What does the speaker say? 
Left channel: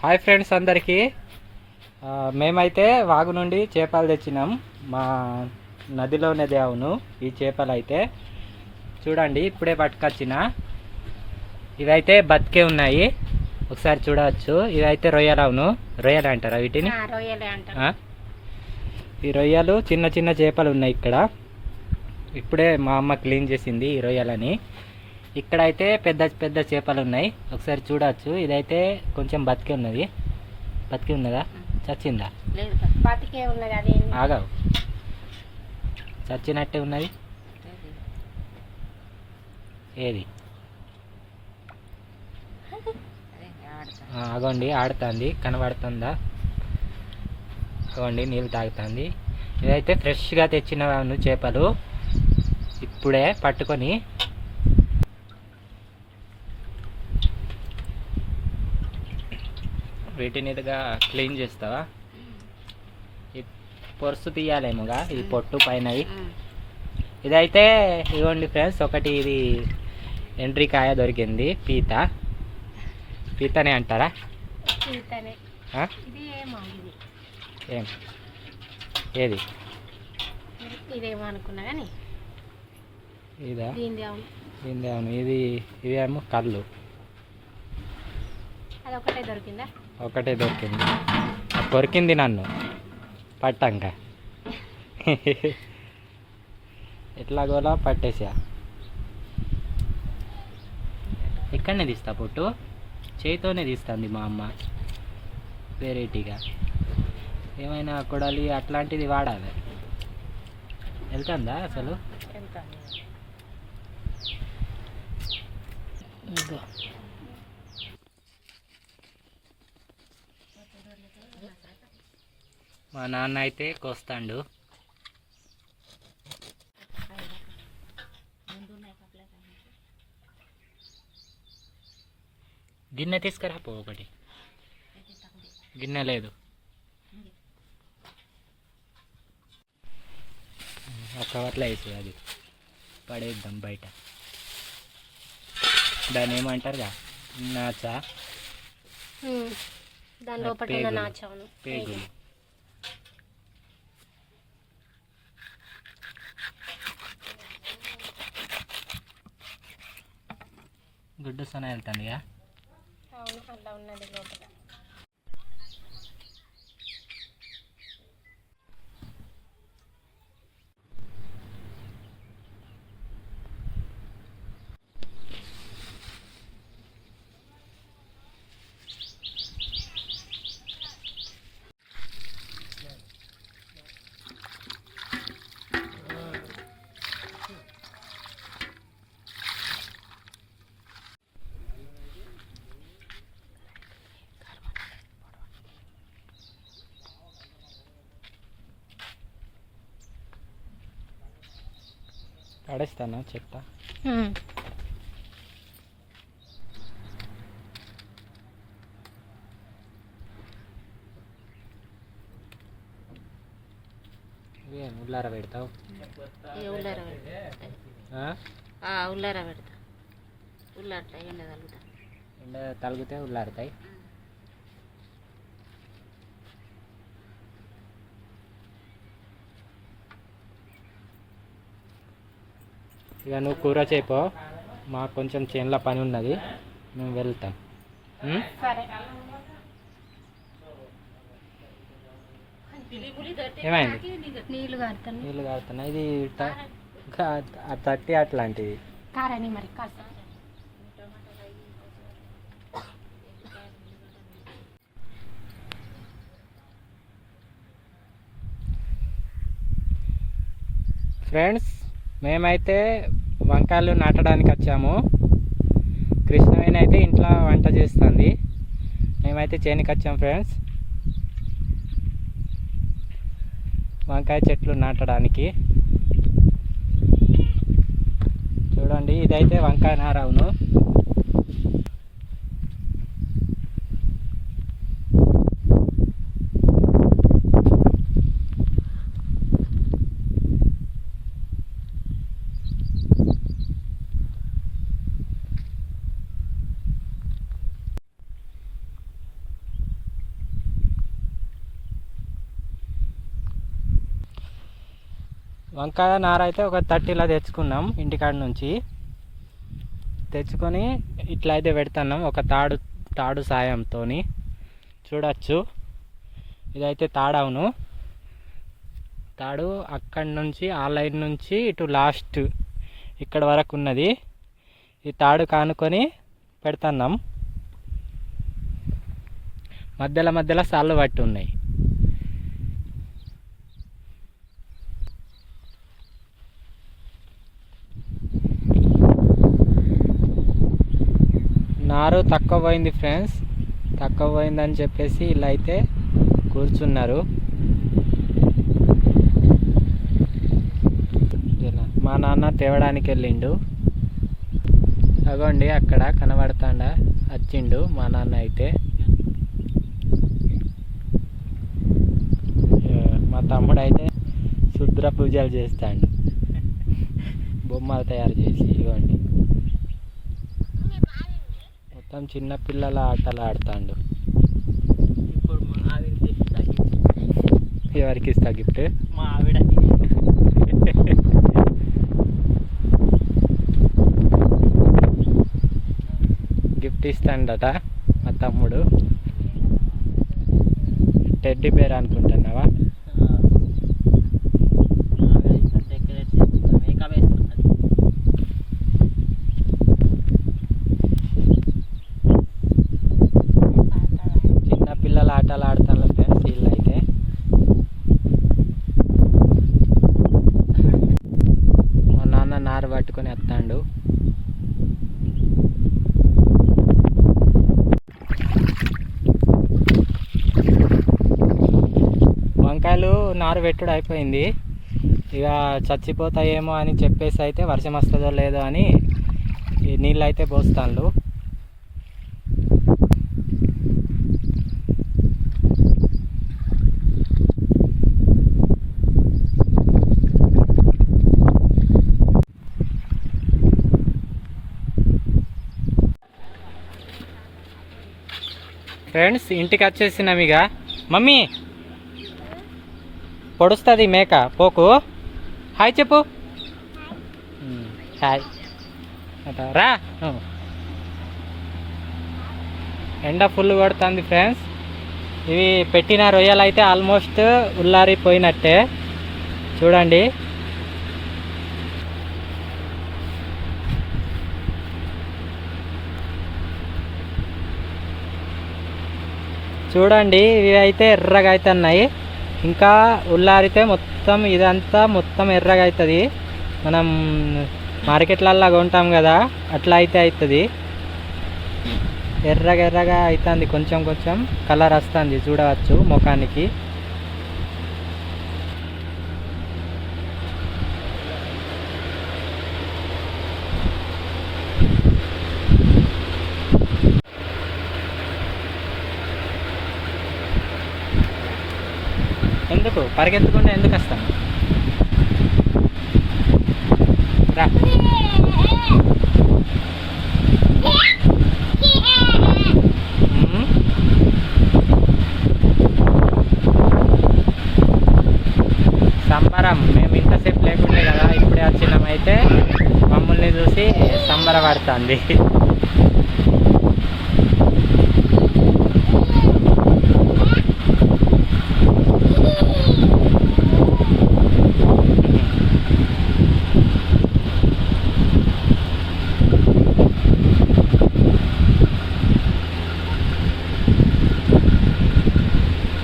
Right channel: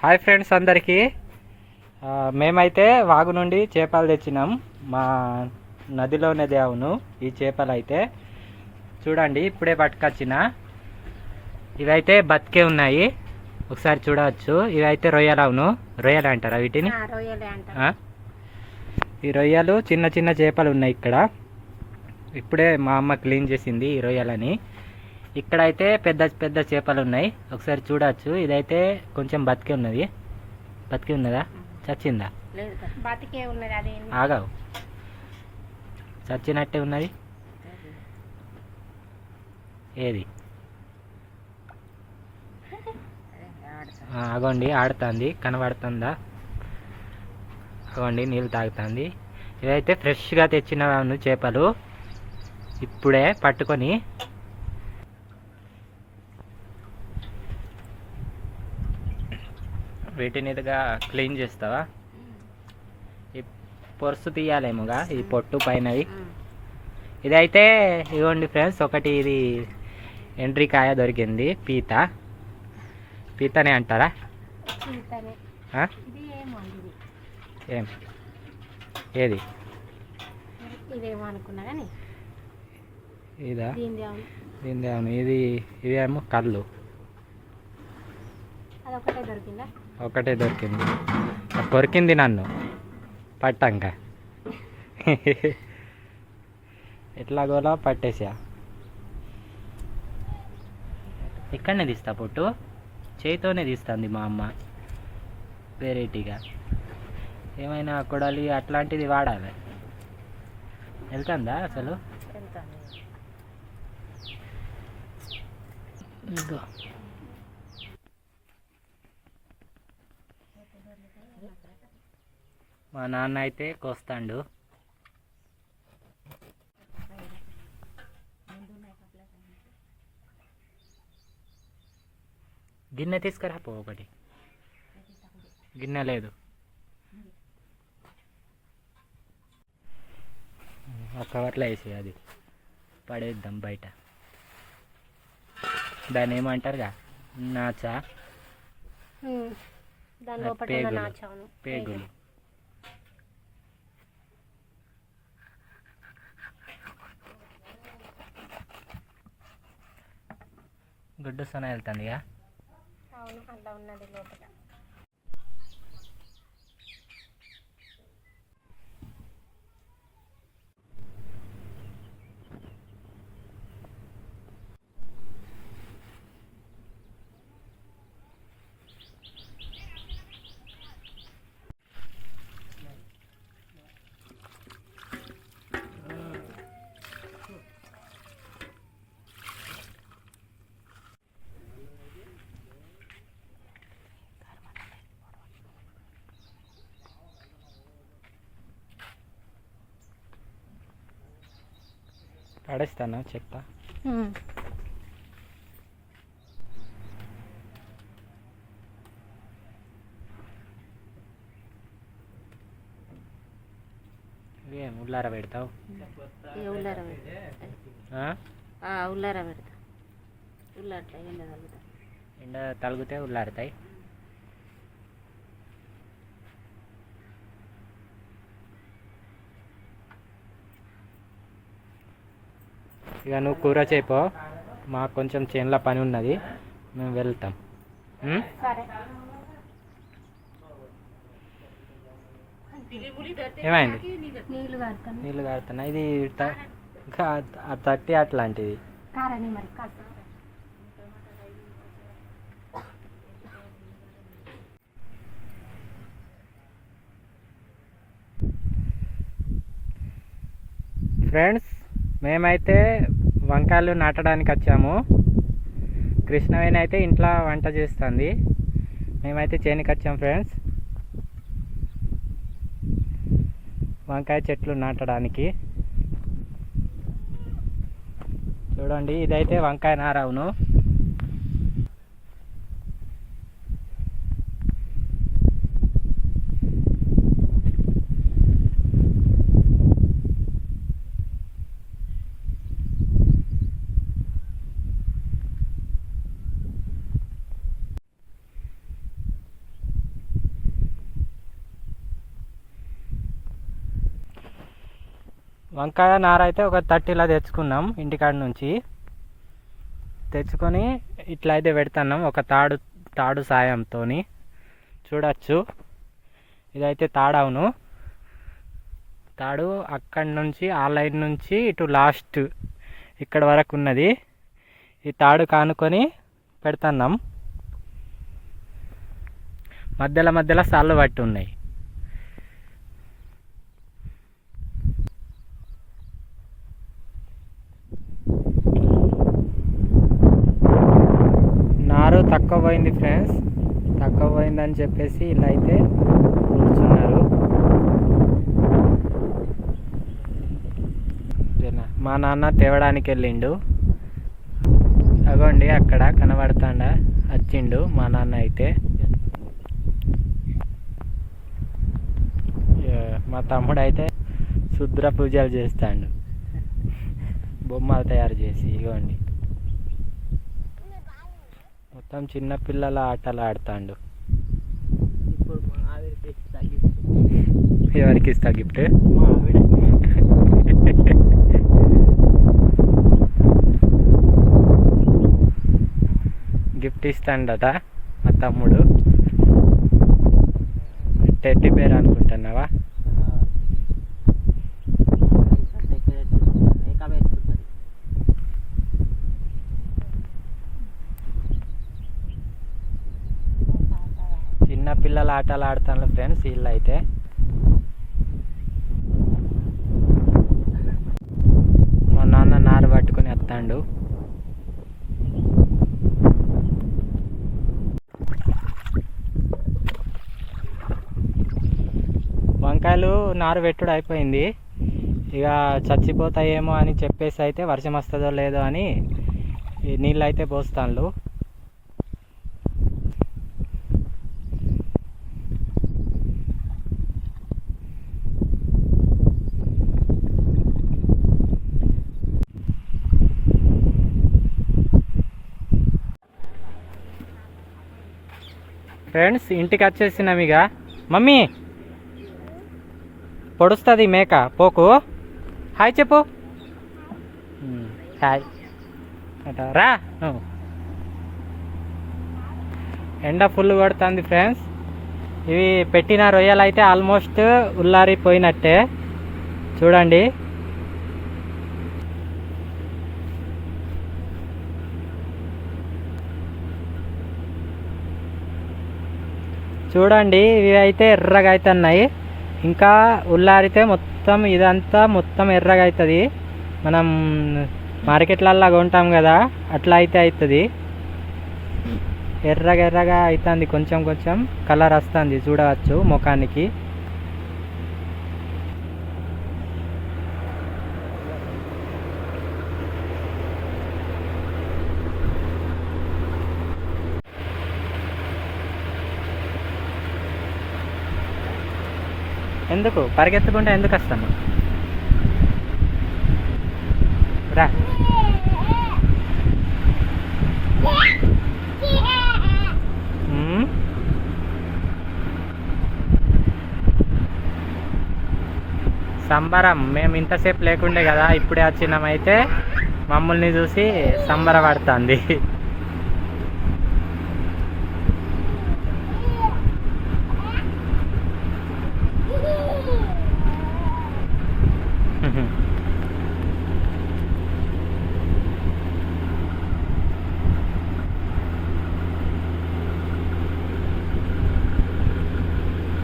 Hi friends అందరికీ. మేమైతే వాగు నుండి చేపలు తెచ్చినాం. మా నదిలోనే అవును ఈ చేపలు అయితే చూడండి, ఇప్పుడే పట్టుకొచ్చిన. ఇవైతే బతికే ఉన్నాయి, ఒకసారి చూడవచ్చు. ఇవైతే రొయ్యలు. అవును, రొయ్యలు అంటారా వీటిని? ఈ రొయ్యలు చిన్న చిన్న చేపలు ఉన్నాయి ఇక్కడ. ఇప్పుడే మా అమ్మ క్లీన్ చేసింది ఈ రొయ్యలని. ఇక్కడైతే పెద్ద పెద్ద చేపలు ఉన్నాయి, ఒకసారి చూడవచ్చు. ఇదైతే కొంచెం బతికే ఉన్నది. బతికి ఉన్నదా, చచ్చిందా? ఆగావు, చచ్చినట్టే ఉన్నది. ఏది? అగోండి, ఆడుతుంది, కనబడుతుందా? అగోండి, నీళ్ళు తాగుతుంది. ఇదైతే ఫ్రెష్గా తెచ్చిన చేపలు, ఇప్పుడే పట్టుకొని. వీటిని ఇదిగా క్లీన్ చేస్తావా? ఈ పొరుసు తీయాలేమోగా, ఈ పొట్టు పైనవి. ఇదైతే ఇవ్వండి ఫ్రెండ్స్, ఒకటి ఇది ఎండ్రికాయ దొరికింది. పీతనే అంటారా? ఏం ఏది? ఇదా? దీని అవును. ఇవేమో కళ్ళు. ఒకటే దొరికింది. కొరికింది నన్ను పట్టంక. ఎట్లాగోలా పట్టేసా. ఎక్కడనే తీస్తా పొట్టు, చేతితోనే తీస్తుంది మా అమ్మ. వెరైటీగా ఏమైనా కొడాలి అట్లాంటిది వాడాలి. వెళ్తుందా అసలు? మా నాన్న అయితే కోస్తాడు. గిన్నె తీసుకురా పో. ఒకటి గిన్నె లేదు. ఒక కవర్లో వేసి అది పడేద్దాం బయట. దాన్ని ఏమంటారుగా, నాచా, పేగులు. గుడ్డు సొన వెళ్తుందిగా. పడేస్తానా చెత్త? ఉల్లార పెడతావు? ఉల్లార పెడతా. ఉల్లాడతాయి, ఎండ తలుగుతాయి. ఎండ తలుగుతే ఉల్లారుతాయి. ఇక నువ్వు కూర చేయపో, మాకు కొంచెం చేనులో పని ఉన్నది, మేము వెళ్తాం. ఏమైంది? నీళ్ళు కారుతున్నా. ఇది తట్టి అట్లాంటివి. ఫ్రెండ్స్, మేమైతే వంకాయలు నాటడానికి వచ్చాము. కృష్ణవేణి అయితే ఇంట్లో వంట చేస్తుంది, మేమైతే చేనికి వచ్చాము ఫ్రెండ్స్ వంకాయ చెట్లు నాటడానికి. చూడండి, ఇదైతే వంకాయ నార. అవును, వంకాయ నార అయితే ఒక 30లా తెచ్చుకున్నాం ఇంటికాడ నుంచి. తెచ్చుకొని ఇట్లా అయితే పెడుతున్నాం ఒక తాడు సాయంతో. చూడచ్చు, ఇదైతే తాడవును. తాడు అక్కడి నుంచి ఆ లైన్ నుంచి ఇటు లాస్ట్ ఇక్కడ వరకు ఉన్నది. ఈ తాడు కానుకొని పెడుతున్నాం. మధ్యలో సాళ్ళు పట్టి ఉన్నాయి. నారు తక్కువ పోయింది ఫ్రెండ్స్. తక్కువ పోయిందని చెప్పేసి ఇలా అయితే కూర్చున్నారు. మా నాన్న తేవడానికి వెళ్ళిండు. అగోండి అక్కడ కనబడతాండా వచ్చిండు మా నాన్న అయితే. మా తమ్ముడు అయితే శుద్ర పూజలు చేస్తాడు బొమ్మలు తయారు చేసి. ఇవ్వండి మొత్తం చిన్న పిల్లల ఆటలు ఆడుతాడు. ఎవరికి ఇస్తా గిఫ్ట్? మా ఆవిడ. గిఫ్ట్ ఇస్తాడట మా తమ్ముడు. టెడ్డీ బేర్ అనుకుంటున్నావా? చిన్న పిల్లల ఆటలు ఆడుతాను ఫ్రెండ్స్ వీళ్ళు అయితే. మా నాన్న నారు పట్టుకొని వస్తాడు. వంకాయలు నారు పెట్టుడు అయిపోయింది. ఇక చచ్చిపోతాయేమో అని చెప్పేసి అయితే వర్షం వస్తుందో లేదో అని నీళ్ళు అయితే పోస్తాను. ఫ్రెండ్స్ ఇంటికి వచ్చేసినాం. ఇక మమ్మీ పొడుస్తుంది మేక పోకు. హాయ్ చెప్పు. హాయ్ అట రా. ఎండ ఫుల్ కొడుతుంది ఫ్రెండ్స్. ఇవి పెట్టిన రొయ్యలు అయితే ఆల్మోస్ట్ ఉల్లారిపోయినట్టే. చూడండి చూడండి ఇవి అయితే ఎర్రగా అవుతున్నాయి. ఇంకా ఉల్లారితే మొత్తం ఇదంతా మొత్తం ఎర్రగా అవుతుంది. మనం మార్కెట్లల్లో కొంటాం కదా అట్లా అయితే అవుతుంది. ఎర్రగా అవుతుంది. కొంచెం కలర్ వస్తుంది చూడవచ్చు ముఖానికి. ఎందుకు పరిగెత్తకుండా ఎందుకు వస్తాను? రా. సంబరం. మేము ఇంతసేపు లేకుండే కదా ఇప్పుడే వచ్చినామైతే మమ్మల్ని చూసి సంబరపడుతుంది.